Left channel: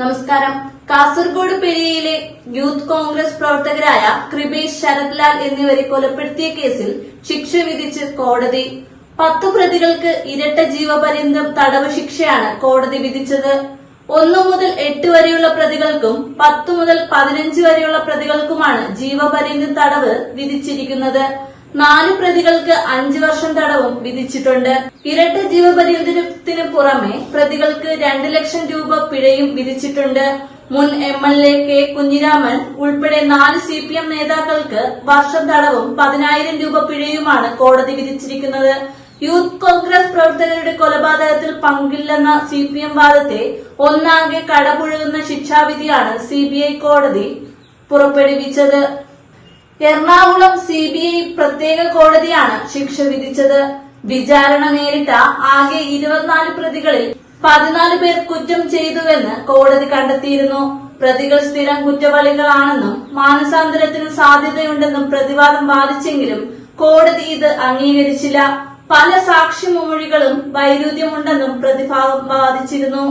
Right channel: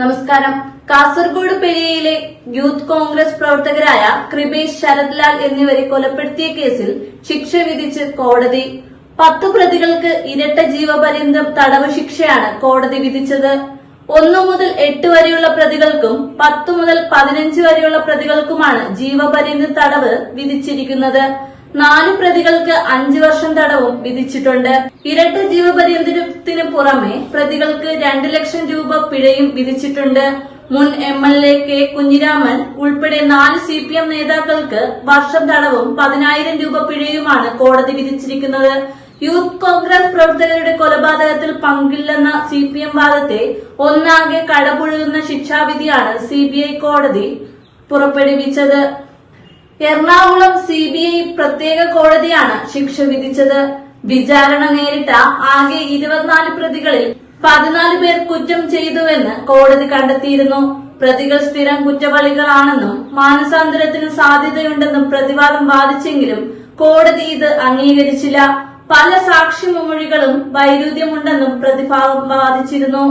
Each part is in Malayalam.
നമസ്കാരം. കാസർഗോഡ് പെരിയയിലെ യൂത്ത് കോൺഗ്രസ് പ്രവർത്തകരായ കൃപേഷ്, ശരത് ലാൽ എന്നിവരെ കൊലപ്പെടുത്തിയ കേസിൽ ശിക്ഷ വിധിച്ച് കോടതി. 10 പ്രതികൾക്ക് ഇരട്ട ജീവപര്യന്തം തടവ് ശിക്ഷയാണ് കോടതി വിധിച്ചത്. 1 മുതൽ 8 വരെയുള്ള പ്രതികൾക്കും 10 മുതൽ 15 വരെയുള്ള പ്രതികൾക്കുമാണ് ജീവപര്യന്തം തടവ് വിധിച്ചിരിക്കുന്നത്. 4 പ്രതികൾക്ക് 5 വർഷം തടവും വിധിച്ചിട്ടുണ്ട്. ഇരട്ട ജീവപര്യന്തത്തിന് പുറമെ പ്രതികൾക്ക് 2 ലക്ഷം രൂപ പിഴയും വിധിച്ചിട്ടുണ്ട്. മുൻ MLA കെ കുഞ്ഞിരാമൻ ഉൾപ്പെടെ 4 CPM നേതാക്കൾക്ക് വർഷം തടവും 10,000 രൂപ പിഴയുമാണ് കോടതി വിധിച്ചിരിക്കുന്നത്. യൂത്ത് കോൺഗ്രസ് പ്രവർത്തകരുടെ കൊലപാതകത്തിൽ പങ്കില്ലെന്ന CPM വാദത്തെ ഒന്നാകെ കടപുഴകുന്ന ശിക്ഷാവിധിയാണ് CBI കോടതി പുറപ്പെടുവിച്ചത്. എറണാകുളം CBI പ്രത്യേക കോടതിയാണ് ശിക്ഷ വിധിച്ചത്. വിചാരണ നേരിട്ട ആകെ 24 പ്രതികളിൽ 14 പേർ കുറ്റം ചെയ്തുവെന്ന് കോടതി കണ്ടെത്തിയിരുന്നു. പ്രതികൾ സ്ഥിരം കുറ്റവാളികളാണെന്നും മാനസാന്തരത്തിന് സാധ്യതയുണ്ടെന്നും പ്രതിവാദം വാദിച്ചെങ്കിലും കോടതി ഇത് അംഗീകരിച്ചില്ല. പല സാക്ഷിമൊഴികളും വൈരുദ്ധ്യമുണ്ടെന്നും പ്രതിഭാഗം വാദിച്ചിരുന്നു.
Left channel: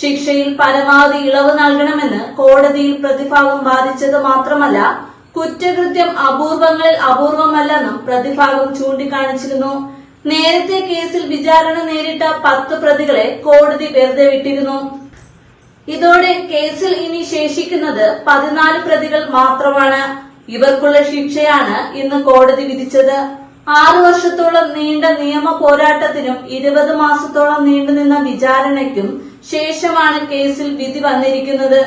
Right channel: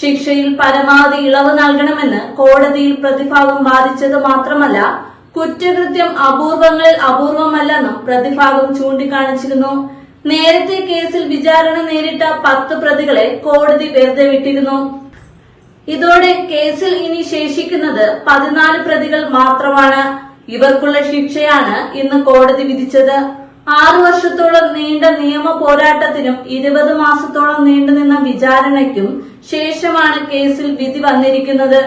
ശിക്ഷയിൽ പരമാവധി ഇളവ് നൽകണമെന്ന് കോടതിയിൽ പ്രതിഭാഗം വാദിച്ചത് മാത്രമല്ല, കുറ്റകൃത്യം അപൂർവങ്ങളിൽ അപൂർവമല്ലെന്നും പ്രതിഭാഗം ചൂണ്ടിക്കാണിച്ചിരുന്നു. നേരത്തെ കേസിൽ വിചാരണ നേരിട്ട 10 പ്രതികളെ കോടതി വെറുതെ വിട്ടിരുന്നു. ഇതോടെ കേസിൽ ഇനി ശേഷിക്കുന്നത് 14 പ്രതികൾ മാത്രമാണ്. ഇവർക്കുള്ള ശിക്ഷയാണ് ഇന്ന് കോടതി വിധിച്ചത്. 6 വർഷത്തോളം നീണ്ട നിയമ പോരാട്ടത്തിനും 20 മാസത്തോളം നീണ്ടുനിന്ന വിചാരണയ്ക്കും ശേഷമാണ് കേസിൽ വിധി വന്നിരിക്കുന്നത്.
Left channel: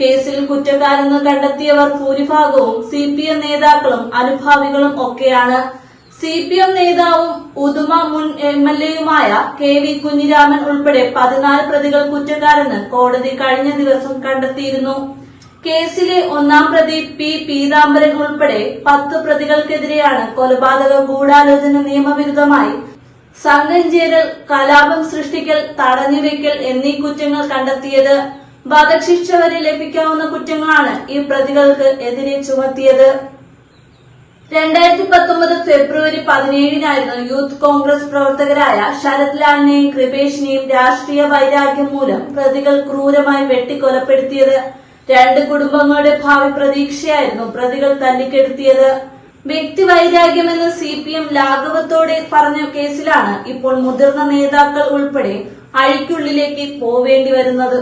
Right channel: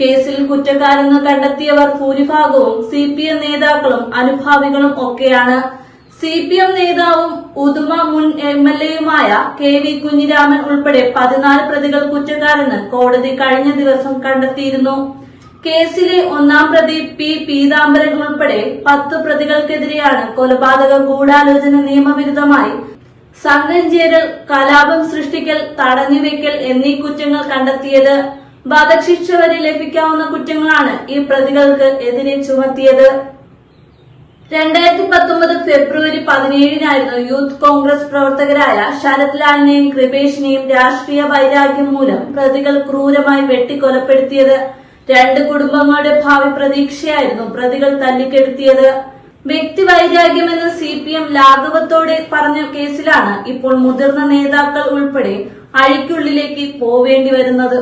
കേസിൽ കുറ്റക്കാരെന്ന് കണ്ടെത്തിയവർ ഭൂരിഭാഗവും CPM നേതാക്കളും അനുഭാവികളും ഒക്കെയാണ്. CPM നേതാവും ഉദുമ മുൻ MLAയുമായ KV കുഞ്ഞിരാമൻ ഉൾപ്പെടെ 14 പ്രതികൾ കുറ്റക്കാരെന്ന് കോടതി കഴിഞ്ഞ ദിവസം കണ്ടെത്തിയിരുന്നു. കേസിലെ 1-ാം പ്രതി P പീതാംബരൻ ഉൾപ്പെടെ 10 പ്രതികൾക്കെതിരെയാണ് കൊലപാതക ഗൂഢാലോചന, നിയമവിരുദ്ധമായി സംഘം ചേരൽ, കലാപം സൃഷ്ടിക്കൽ, തടഞ്ഞുവെക്കൽ എന്നീ കുറ്റങ്ങൾ കണ്ടെത്തിയത്. വധശിക്ഷ വരെ ലഭിക്കാവുന്ന കുറ്റങ്ങളാണ് ഈ പ്രതികൾക്ക് എതിരെ ചുമത്തിയത്. 2019 ഫെബ്രുവരി 17-നായിരുന്നു യൂത്ത് കോൺഗ്രസ് പ്രവർത്തകരായ ശരത് ലാലിനെയും കൃപേഷിനെയും രാഷ്ട്രീയ വൈരാഗ്യം മൂലം പ്രതികൾ ക്രൂരമായി വെട്ടിക്കൊലപ്പെടുത്തിയത്. 2 കുടുംബങ്ങളുടെ ഭാവി പ്രതീക്ഷയായിരുന്നു പ്രതികൾ തല്ലിക്കെടുത്തിയത്. വ്യക്തിവൈരാഗ്യമെന്ന് CPM ലാഘവത്തോടെ പറഞ്ഞ കേസിലാണ് ഇപ്പോൾ മുതിർന്ന നേതാക്കൾ ഉൾപ്പെടെ അഴിക്കുള്ളിലേക്ക് പോവേണ്ടി വരുന്നത്.